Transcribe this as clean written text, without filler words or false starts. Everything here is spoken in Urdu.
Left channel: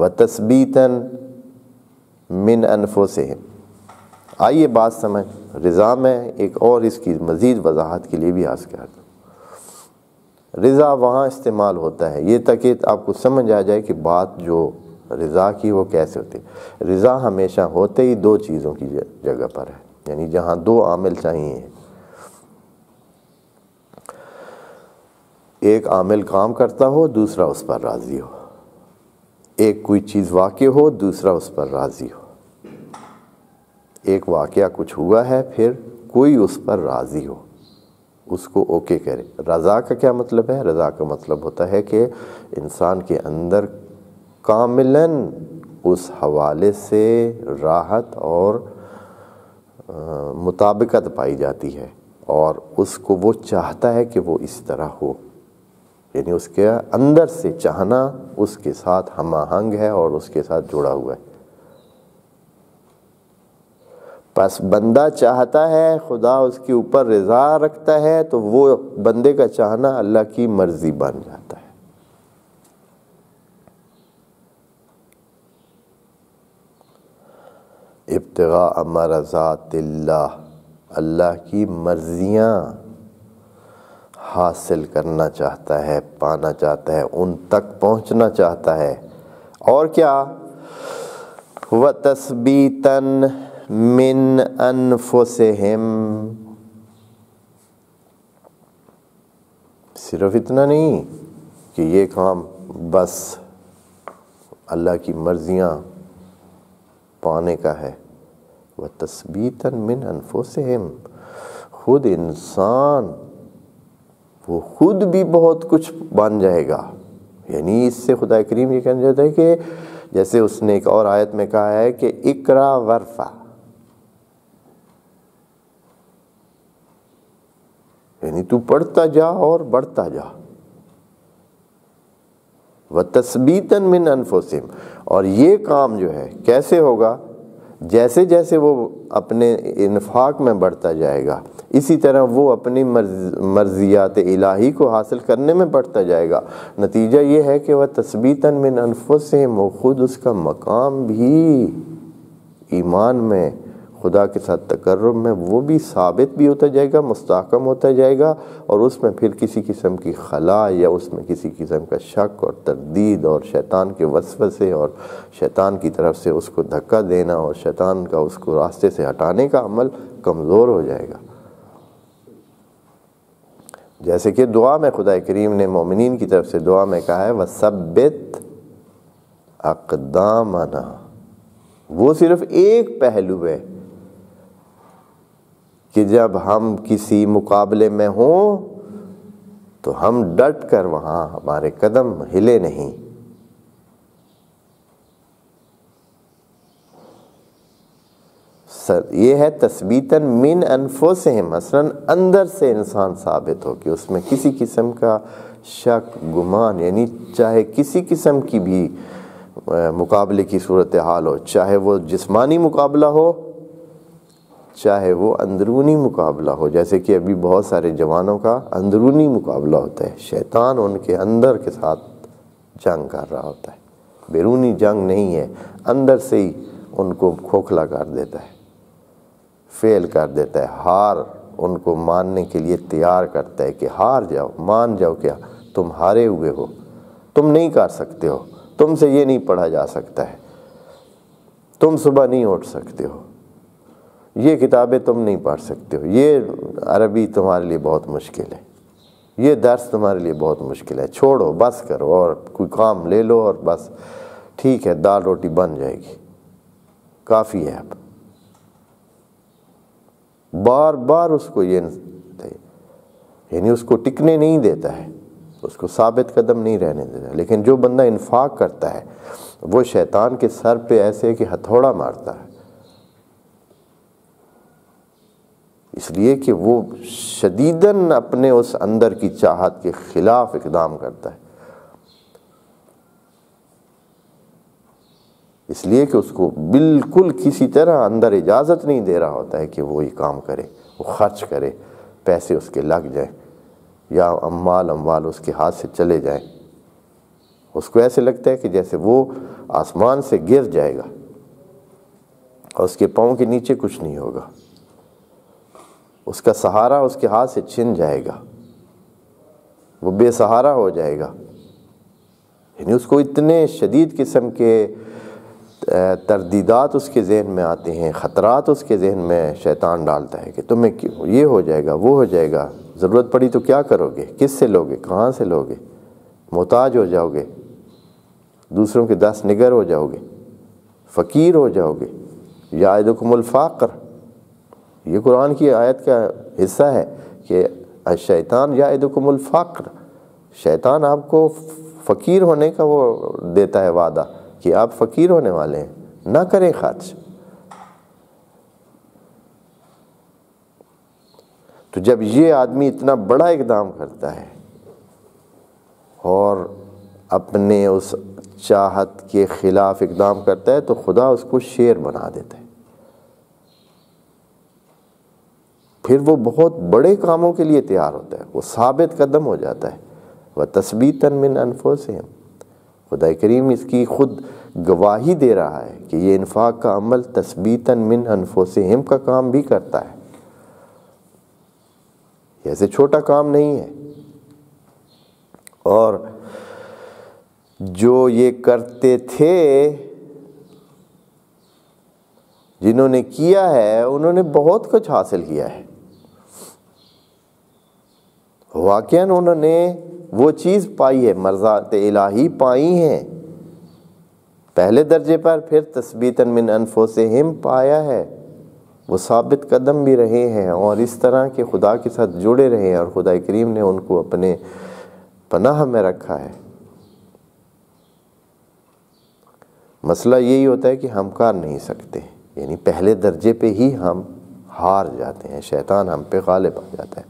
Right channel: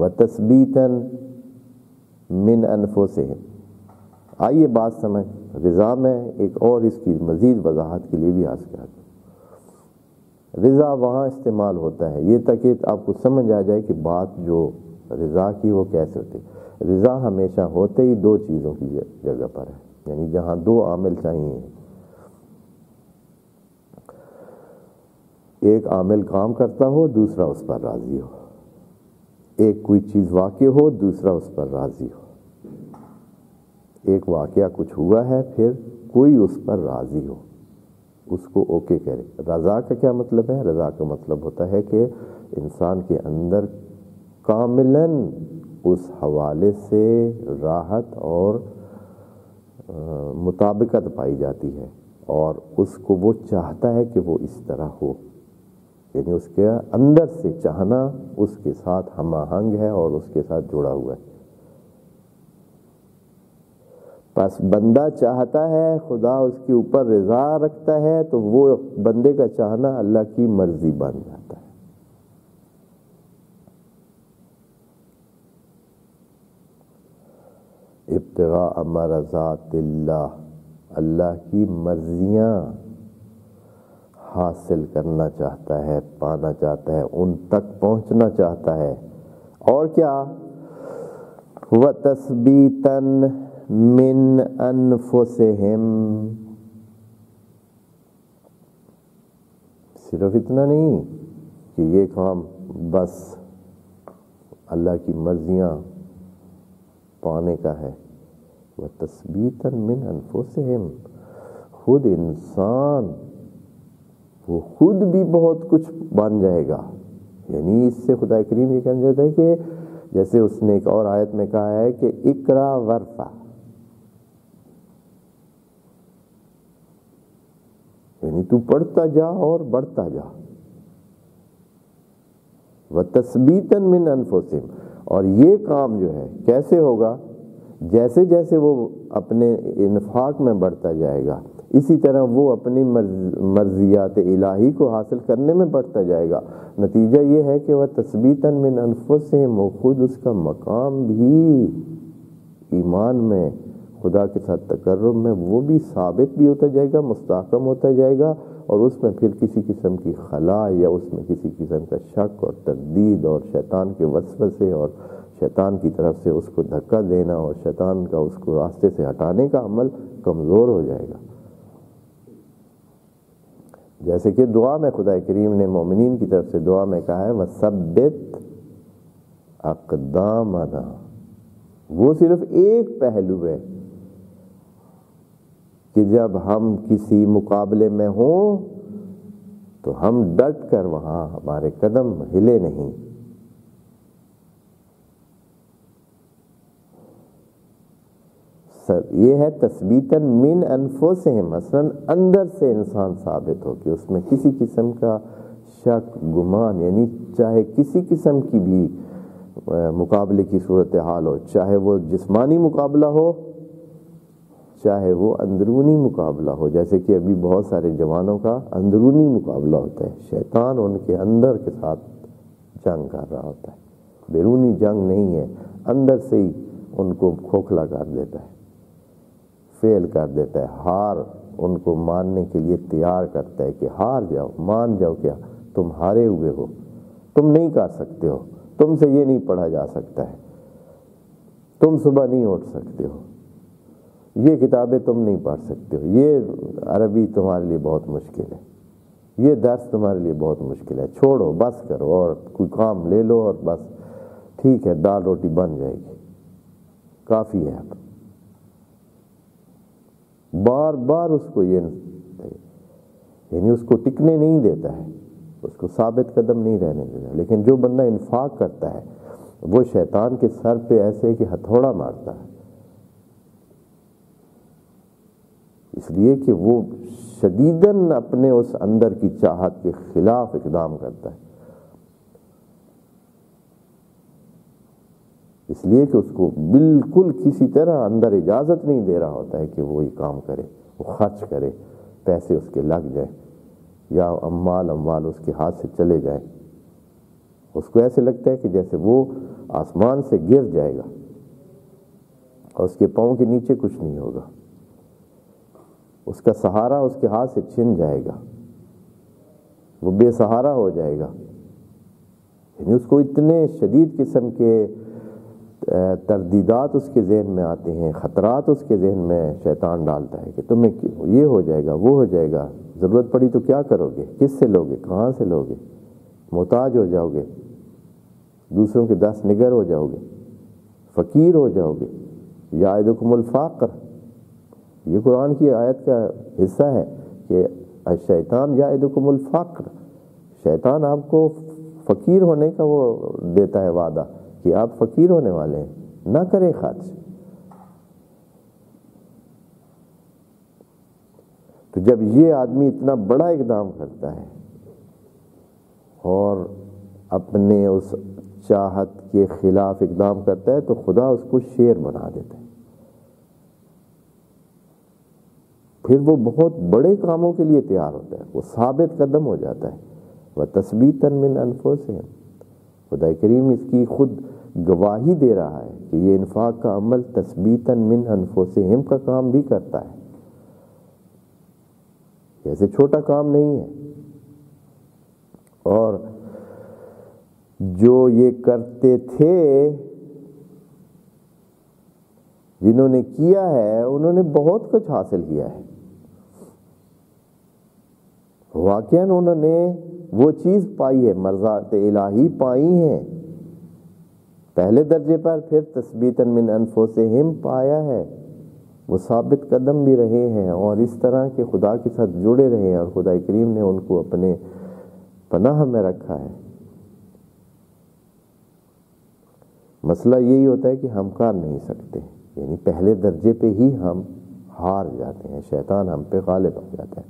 وَتَثْبِيتًا مِّنْ أَنفُسِهِمْ۔ آئیے بات سمجھ، رضا میں ایک اور اس کی مزید وضاحت کے لیے بھی عرض کر دوں۔ رضا وہاں استعمال ہوتا ہے، یہ تک کہ آپ کو سمجھ آ جائے کہ بات جو رضا کی وہ کیسے ہوتی ہے۔ رضا ہمیشہ ہوتے ہی دو چیزوں کی جگہ پر ہے، یعنی جہاں دو عامل چاہیے، ایک عامل کام کرتا ہو، دوسرا اس پر راضی ہو، ایک کوئی چیز واقع ہو، دوسرا اس پر راضی ہو۔ ایک واقعہ کچھ ہوا ہے، پھر کوئی اس پر راضی ہو، اس کو اوکے کرے۔ رضا کا کیا مطلب ہے؟ رضا کا مطلب ہوتا ہے کہ انسان کے اندر کاملاً اس حوالے سے راحت اور مطابقت پائی جاتی ہے، اور اس کو وہ چاہتا ہے کہ وہ اس طرح ہو، یعنی اس کے اندر سے چاہنا اس کے ساتھ ہم آہنگ ہے اور اس کے ساتھ جڑا ہوا ہے۔ پس بندہ چاہتا ہے، خدا اس کے اوپر رضا رکھتا ہے، تو وہ بندے کا چاہنا اللہ کی مرضی بن جاتا ہے۔ ابتغاء مرضات اللہ، اللہ کی مرضیاں حاصل کرنا چاہتا ہے، پانا چاہتا ہے، ان تک پہنچنا چاہتا ہے۔ اور کیا؟ وَتَثْبِيتًا مِّنْ أَنفُسِهِمْ، صرف اتنا نہیں کہ یہ کام بس اللہ کی مرضیاں پانے کا ہے، وَتَثْبِيتًا مِّنْ أَنفُسِهِمْ، خود انسان وہ خود بھی بہت کچھ بن جائے گا۔ یعنی اس سے خدا کریم یہ کہنا چاہتا ہے کہ جیسے اس نے ایک اور آیت میں کہا ہے کہ اقرا ورفع، یعنی تو پڑھتا جا اور بڑھتا جا۔ وَتَثْبِيتًا مِّنْ أَنفُسِهِمْ، اور یہ کام جو ہے کیسے ہوگا؟ جیسے جیسے وہ اپنے انفاق میں بڑھتا جائے گا، اسی طرح وہ اپنی مرضیات الہی کو حاصل کرنے میں بڑھتا جائے گا۔ نتیجہ یہ ہے کہ وَتَثْبِيتًا مِّنْ أَنفُسِهِمْ، وہ خود اس کا مقام بھی ایمان میں، خدا کے ساتھ تقرب میں، وہ بھی ثابت بھی ہوتا جائے گا، مستحکم ہوتا جائے گا، اور اس میں پھر کسی قسم کی خلا یا اس میں کسی قسم کا شک اور تردید اور شیطان کے وسوسے اور شیطان کی طرف سے اس کو دھکا دینا اور شیطان کا اس کو راستے سے ہٹانے کا عمل کمزور ہو جائے گا۔ جیسے کہ دعا میں خدا کریم نے مومنین کی طرف سے دعا میں کہا ہے وَثَبِّتْ أَقْدَامَنَا، وہ صرف ایک پہلو ہے کہ جب ہم کسی مقابلے میں ہوں تو ہم ڈٹ کر وہاں ہمارے قدم ہلے نہیں۔ یہ ہے تثبیتاً من انفسہم، مثلاً اندر سے انسان ثابت ہو کہ اس میں کسی قسم کا شک گمان، یعنی چاہے کسی قسم کی بھی مقابلے کی صورتحال ہو، چاہے وہ جسمانی مقابلہ ہو چاہے وہ اندرونی مقابلہ ہو، جیسے کہ ابھی بہت سارے جوانوں کا اندرونی مقابلہ ہوتا ہے، شیطان ان کے اندر کے ساتھ جنگ کر رہا ہوتا ہے، بیرونی جنگ نہیں ہے، اندر سے ہی ان کو کھوکھلا کر دیتا ہے، فیل کر دیتا ہے، ہار ان کو ماننے کے لیے تیار کرتا ہے کہ ہار جاؤ، مان جاؤ کہ تم ہارے ہوئے ہو، تم نہیں کر سکتے ہو، تم سے یہ نہیں پڑھا جا سکتا ہے، تم صبح نہیں اٹھ سکتے ہو، یہ کتابیں تم نہیں پڑھ سکتے ہو، یہ عربی تمہارے لیے بہت مشکل ہے، یہ درس تمہارے لیے بہت مشکل ہے، چھوڑو، بس کرو اور کوئی کام لے لو اور بس ٹھیک ہے دال روٹی بن جائے گی، کافی ہے۔ اب بار بار اس کو یہ یعنی اس کو ٹکنے نہیں دیتا ہے، اس کو ثابت قدم نہیں رہنے دیتا، لیکن جو بندہ انفاق کرتا ہے وہ شیطان کے سر پہ ایسے کہ ہتھوڑا مارتا ہے، اس لیے کہ وہ شدیداً اپنے اس اندر کی چاہت کے خلاف اقدام کرتا ہے، اس لیے کہ اس کو بالکل کسی طرح اندر اجازت نہیں دے رہا ہوتا ہے کہ وہ یہ کام کرے، وہ خرچ کرے، پیسے اس کے لگ جائیں یا اموال اس کے ہاتھ سے چلے جائیں، اس کو ایسے لگتا ہے کہ جیسے وہ آسمان سے گر جائے گا اور اس کے پاؤں کے نیچے کچھ نہیں ہوگا، اس کا سہارا اس کے ہاتھ سے چھن جائے گا، وہ بے سہارا ہو جائے گا۔ یعنی اس کو اتنے شدید قسم کے تردیدات اس کے ذہن میں آتے ہیں، خطرات اس کے ذہن میں شیطان ڈالتا ہے کہ تمہیں یہ ہو جائے گا، وہ ہو جائے گا، ضرورت پڑی تو کیا کرو گے، کس سے لوگے، کہاں سے لوگے، محتاج ہو جاؤ گے، دوسروں کے دست نگر ہو جاؤ گے، فقیر ہو جاؤ گے، یعدکم الفقر۔ یہ قرآن کی آیت کا حصہ ہے کہ الشیطان یعدکم الفقر، شیطان آپ کو فقیر ہونے کا وہ دیتا ہے وعدہ کہ آپ فقیر ہونے والے ہیں، نہ کریں خرچ۔ تو جب یہ آدمی اتنا بڑا اقدام کرتا ہے اور اپنے اس چاہت کے خلاف اقدام کرتا ہے تو خدا اس کو شیر بنا دیتا ہے، پھر وہ بہت بڑے کاموں کے لیے تیار ہوتا ہے، وہ ثابت قدم ہو جاتا ہے۔ وَتَثْبِيتًا مِّنْ أَنفُسِهِمْ، خدا کریم اس کی خود گواہی دے رہا ہے کہ یہ انفاق کا عمل تثبیتاً من انفسہم کا کام بھی کرتا ہے، ایسے چھوٹا کام نہیں ہے۔ اور جو یہ کرتے تھے، جنہوں نے کیا ہے انہوں نے بہت کچھ حاصل کیا ہے، واقعاً انہوں نے وہ چیز پائی ہے، مرضات الہی پائی ہیں پہلے درجے پر، پھر تثبیتاً من انفسہم پایا ہے، وہ ثابت قدم بھی رہے ہیں اور اس طرح کے خدا کے ساتھ جڑے رہے ہیں، اور خدا کریم نے ان کو اپنے پناہ میں رکھا ہے۔ مسئلہ یہی ہوتا ہے کہ ہم کر نہیں سکتے، یعنی پہلے درجے پہ ہی ہم ہار جاتے ہیں، شیطان ہم پہ غالب آ جاتا ہے۔